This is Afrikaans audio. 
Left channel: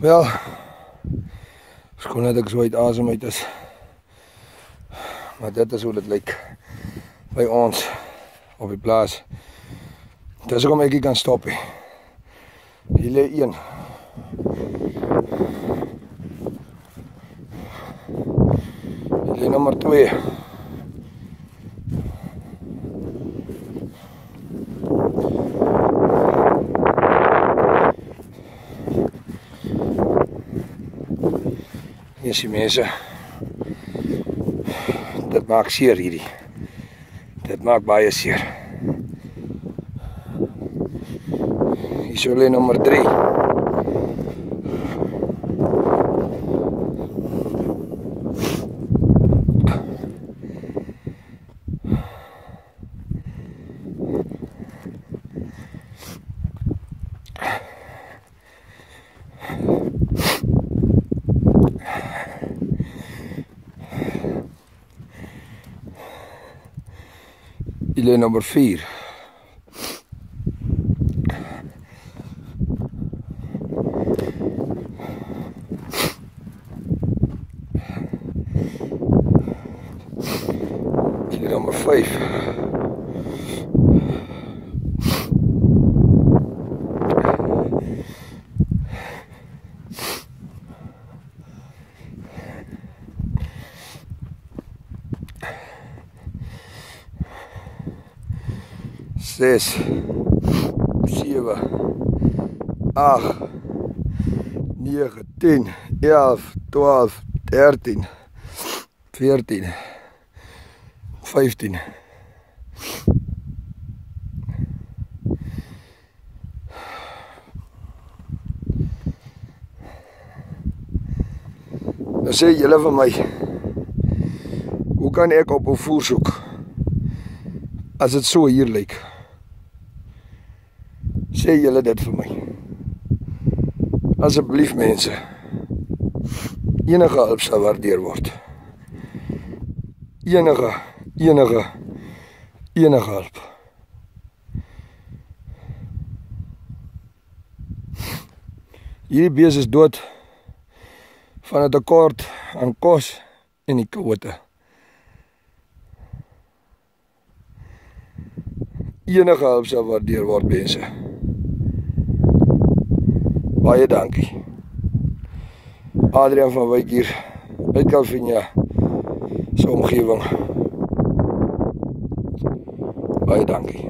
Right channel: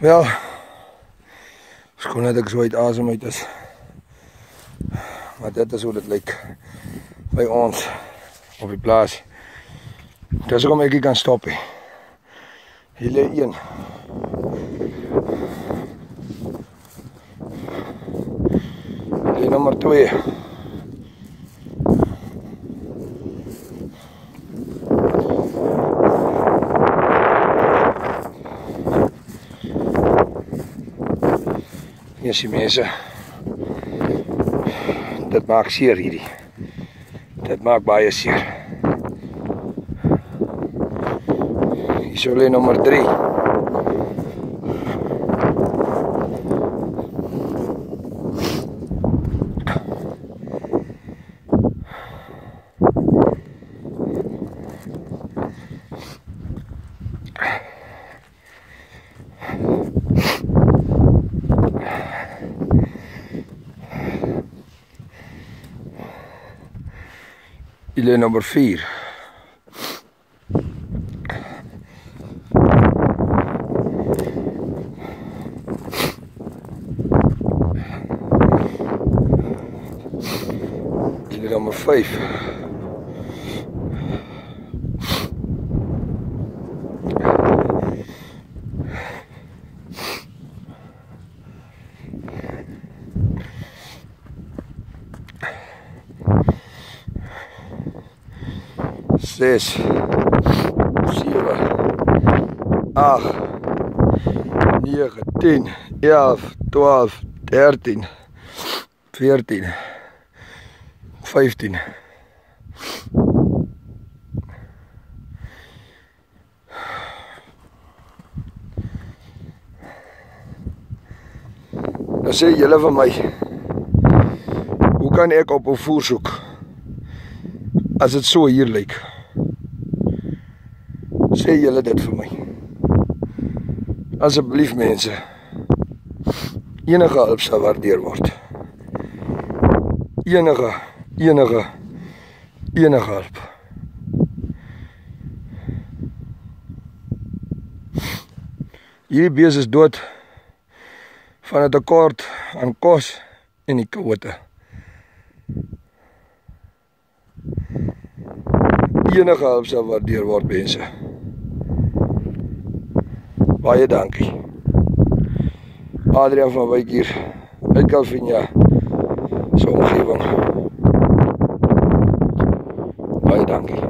Wel, skoon dat ek so uit asem uit is. Maar dit is hoe dit lyk by ons op die plaas. Dis hoekom ek nie kan stop nie. Hier lê een. Hier lê nommer 2. Hier is die mense. Dit maak seer hierdie. Dit maak baie seer. Hier so lê nommer 3. Hier lê nommer 4. Hier lê nommer 5. Zes, 7, 8, 9, 10, 11, 12, 13, 14, 15. Dan sê julle vir my, hoe kan ek op 'n voer soek as dit so hier lyk? Sê julle dit vir my. Asseblief mense, enige hulp sal waardeer word. Enige hulp. Hierdie bees is dood van 'n tekort aan kos en die kwote. Enige hulp sal waardeer word mense. Baie dankie. Adrian van Wyk hier, uit Calvinia, se omgewing. Baie dankie.